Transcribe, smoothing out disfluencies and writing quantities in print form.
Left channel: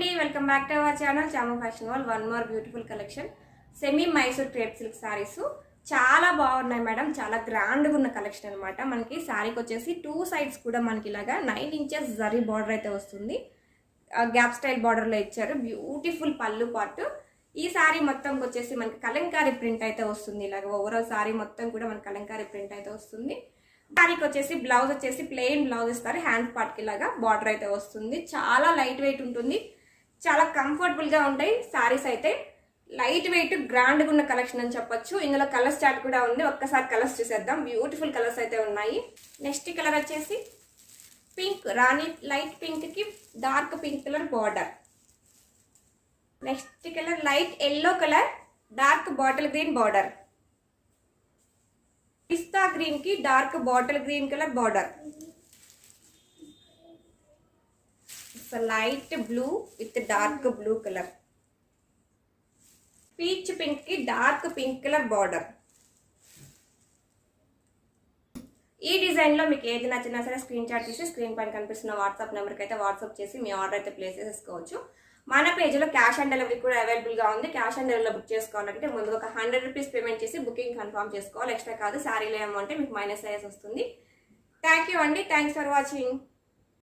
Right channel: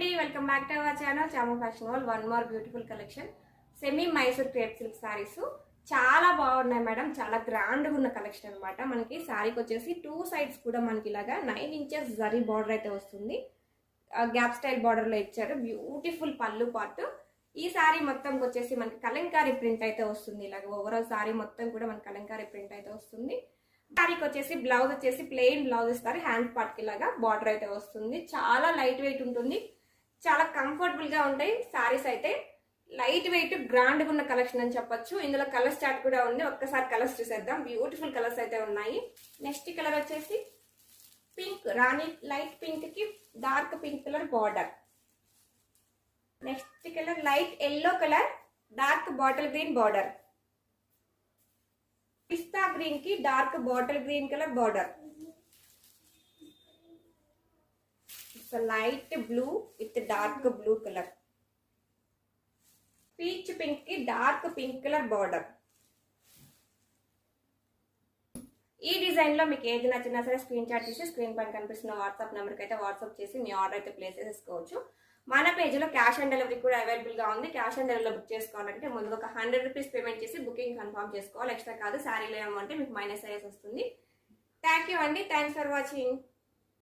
అండి welcome back to our channel Chamu fashion world. One more beautiful collection semi Mysore crepe silk saris చాలా బాగున్నాయి madam. చాలా గ్రాండ్గా ఉన్న కలెక్షన్ అనమాట. మనకి శారీకి వచ్చేసి టూ సైడ్స్ కూడా మనకి ఇలాగా 9 ఇంచెస్ జరీ బార్డర్ అయితే వస్తుంది. గ్యాప్ స్టైల్ బార్డర్లో ఇచ్చారు. బ్యూటిఫుల్ పళ్ళు పార్ట్. ఈ శారీ మొత్తం వచ్చేసి మనకి కలంకారీ ప్రింట్ అయితే వస్తుంది. ఇలాగ ఓవరాల్ శారీ మొత్తం కూడా మనకి కలంకారీ ప్రింట్ అయితే వస్తుంది. శారీకి వచ్చేసి బ్లౌజ్ వచ్చేసి ప్లెయిన్ బ్లౌజ్ ఇస్తారు. హ్యాండ్ పార్ట్కి ఇలాగా బార్డర్ అయితే వస్తుంది. చాలా లైట్ వెయిట్ ఉంటుంది. చాలా కంఫర్టబుల్గా ఉంటాయి శారీస్ అయితే. లైట్ వెయిట్ గ్రాండ్గా ఉన్న కలెక్షన్ అని చెప్పొచ్చు. ఇందులో కలర్స్ చార్ట్ కూడా ఉంది. ఒక్కసారి కలర్స్ చూసేద్దాం. బ్యూటిఫుల్ కలర్స్ అయితే ఉన్నాయి. నెక్స్ట్ కలర్ వచ్చేసి పింక్, రాణి లైట్ పింక్ కి dark pink colour border. Next colour light yellow colour dark bottle green border. పిస్తా గ్రీన్ కి dark bottle green colour border. Light blue with dark blue colour. Peach pink కి dark pink colour border. ఈ design లో మీకు ఏది నచ్చినా సరే screen shot తీసి స్క్రీన్ పైన కనిపిస్తున్న వాట్సాప్ నెంబర్కి అయితే వాట్సాప్ చేసి మీ ఆర్డర్ అయితే ప్లేస్ చేసేసుకోవచ్చు. మన పేజ్లో క్యాష్ ఆన్ డెలివరీ కూడా అవైలబుల్ గా ఉంది. క్యాష్ ఆన్ డెలివరీలో బుక్ చేసుకోవాలంటే ముందుగా ఒక 100 రూపీస్ పేమెంట్ చేసి బుకింగ్ కన్ఫర్మ్ చేసుకోవాలి. ఎక్స్ట్రా కాదు. శారీలో ఏమంటే మీకు మైనస్ అయ్యేసి వస్తుంది. థ్యాంక్ యూ అండి. Thanks for watching.